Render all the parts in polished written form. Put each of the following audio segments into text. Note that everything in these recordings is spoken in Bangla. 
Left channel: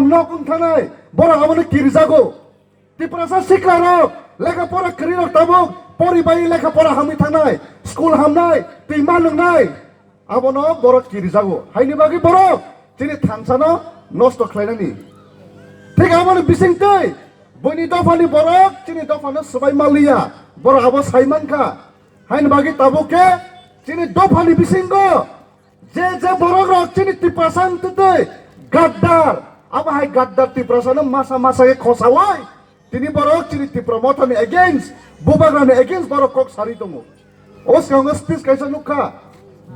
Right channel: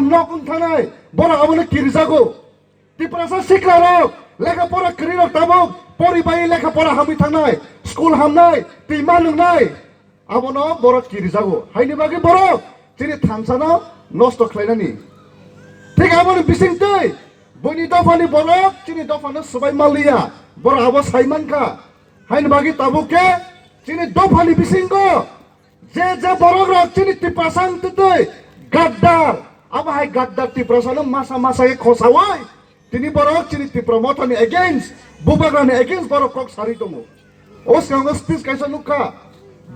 hamno kung thanai bora abone kirjago tiprasa sikraro lekha pora kriro tabok poribai lekha pora hami thanai school hamnai timan nai abono bora kirjago haini bagi bora chini thamsana nosto khlainani ঠিক amone bising tei boni dofani bora chini dofana sabai malia bora abo saiman kha haini bagi taboke chini dofani bisingo je bora rok chini tiprasan tei gaddar abo hai gaddar tiprasana masa ke khosawai tini bora chini tipromotani against bubagrani against bora kok sari tongo os kanga speech kaisa nukha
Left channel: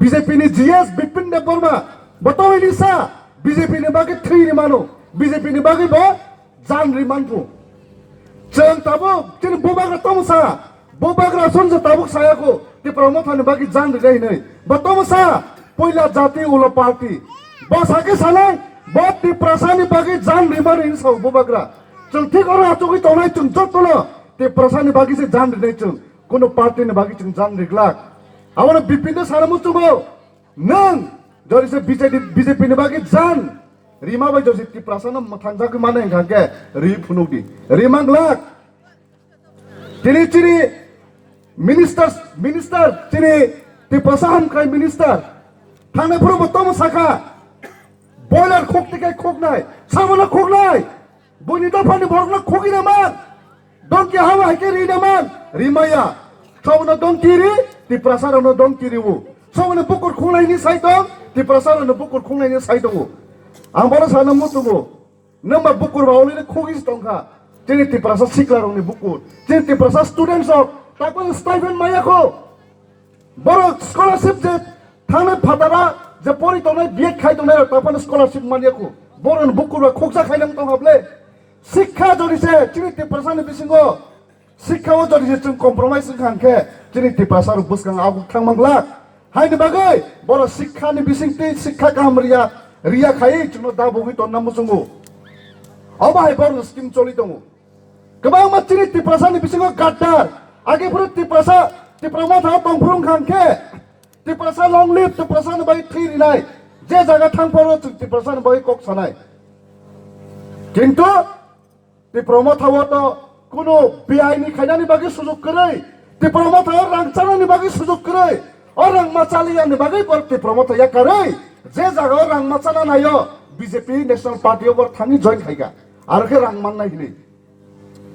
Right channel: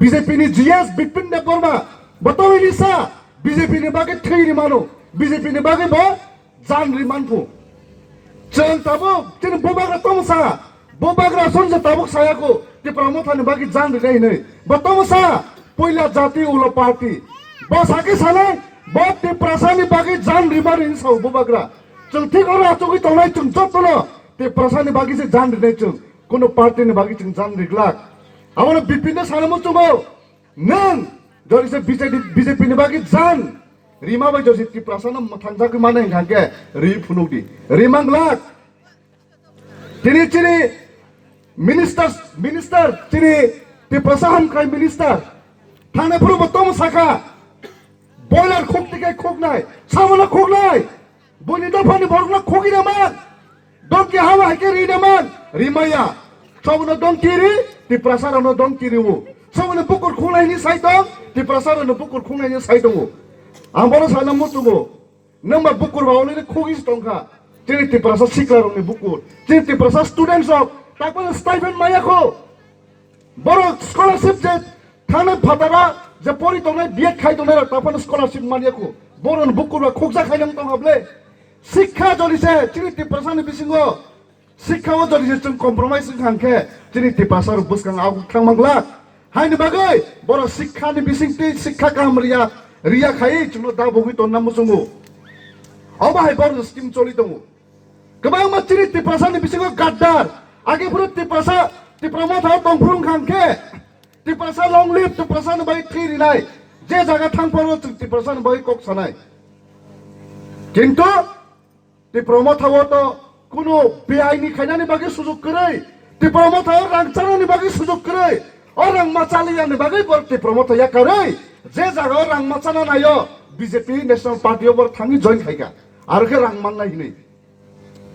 BJP ni GS Bipin Dev Barma batawi ni sa BJP ni bagi 3 ni mano BJP ni bagi bo jan riman pu chen tabuk chini bubagra tomsa bubagra sonja tabuk saya ko ti promothani bagi jan gai nei batomsa poila jati ulo party bosake salai bot ti prasani bagi jan riman in sau bubagra chung thik ora chugui tonai chung jotolo ti prasani bagi se jan nei chung kono party ni bagi chung jan riglak amona bipin de saramu chubo nang jori se BJP ni bagi jan Rima bai josi ti prasana mathangja ke mana engkangke ri phunukdi rimang lak chini minister chini ti prasaham kai minister thane puru botom saka boiler khok tike khok nai samona khok nai boni da phani borna khogi na man donki hawa ke ri na man rimaya samona donki ri ti prasara no donki ri wo samona bukur khulai ni saitong ti prasara no bukur khulai ni saitong ang bora sana mutubo namba bukur bauli ni khogis tongkha chini ti prasa siklaro ni bukur chini ti prasa students of tapon stipend maya ko boro scholarship je thane phatara je pori tonai biek khai tonai tapon scholarship mania ko boro bukur ba khogja khainam tong hable শিক্ষা জরিছে chini ti prasa ni bisingo শিক্ষা o joriছে chung compromise khangke chini ti prasa ru buskang agu thangmangla haini bagai boro শিক্ষা ni bisingti শিক্ষা kamriya Ria khai chuno da bogi ton namu sungu aba hai bor scheme choli tongu kebang ma chini ti prasa ni bisingo gaddar age puru ti prasa ti promotha tongphung khangke ti prasa long live ti prasa ni bai thiri nai je jaga thangporo ti prasa ni bai kok sanai kintu ti promotha wo to kuno biai ni khainani bagi sujog korai ti promotha rangchana ni bagi sujog korai orang macalian ni bagi bor ti promotha ya korai যে জায়গা রাং মাচানা নাইও বিজেপি ন্যাশনাল পার্টি ওপর থামি জয়েন খাইগা আর কে রাং মান নাই নি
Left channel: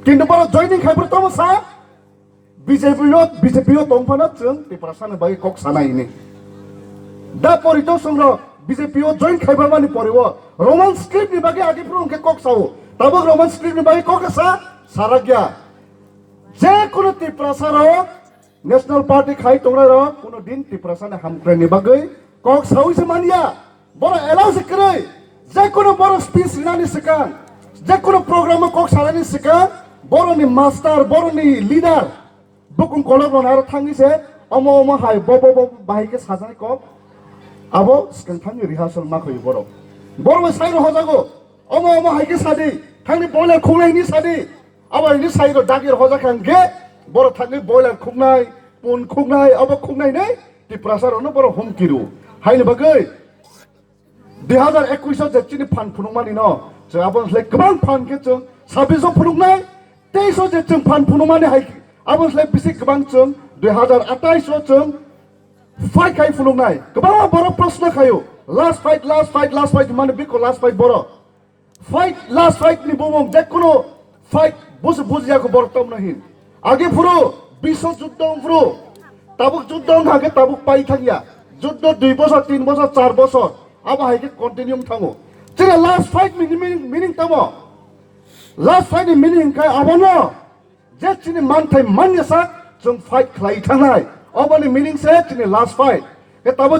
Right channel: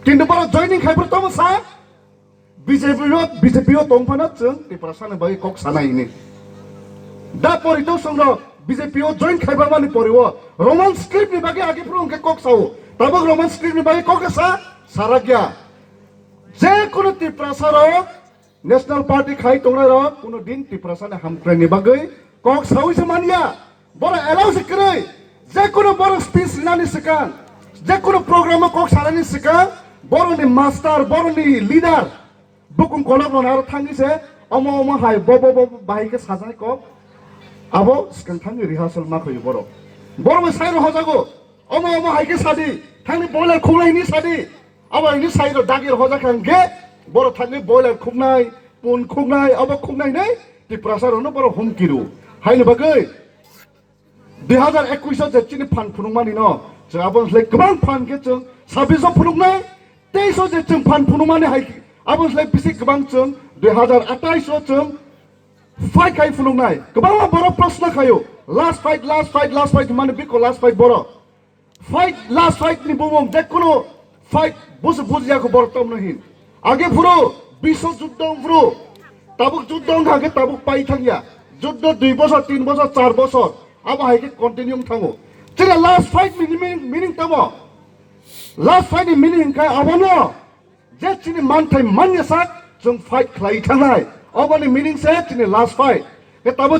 কিন্তু বড় জয়েনিং খাইবর তো সা বিজেপিও তংফানা চং টিপ্রাসানে বাই কক সানাই নি দা পরিতো সংগ্র বিজেপিও জয়েন খাইবার মানি পরিব রোমান স্ক্রিপ্ট নি বাগে আগে পুরো কে কক সাও তাবক রোমান স্ক্রিপ্ট নি বাগে কক সা সারা গিয়া যে কোন টিপ্রাসার ন্যাশনাল পার্টি খাই তোমরা কোন দিন টিপ্রাসানে হামক্রাইনি বাগে kok sawi semania bora allow sekrai je kono bora speech nani sekan je kono program kok sarani sekan boro ni master boro ni leader bukung kolok nar thangi se omo hai bobo bahai ke sajai kok abo sekan thangi rehearsal ma khoi boro me sai ro hojago omo hai ke sadi thangi boiler khulai ni sadi abo ni sai ro dagir hoja kan ge boro thangi boiler khunai pun khunai abo khunai nei ti prasar no boro hom kiru haini bagai 2021 je chini phan phunungmani no je abon slai kbang phan ke chung 26 phunungnai 23 je chung phan phunungmani hai abon slai bisi kbang chung 2028 chung fight kai phunungnai kbang boro prashna khayo last fight mane biko last fight boro fight last fight ni bomom dekkono fight buziya ko boro tom nahin age puro bisho juddong puro tabuk juddong hage tabuk pai thangya যুদ্ধ 2 বছর 3 বছর 4 বছর আবার হাইকে কন্টিনিউম থামো যেটা লাস্ট ফাইট মিনিং থামো লাস্ট ফাইট মিনিং খাই আবনো যে চিনি মান থাই মান ইয়াসা जों ফাইট খাই থানাই আবনি মিনিং সে চিনি লাস্ট ফাইট এ তাবো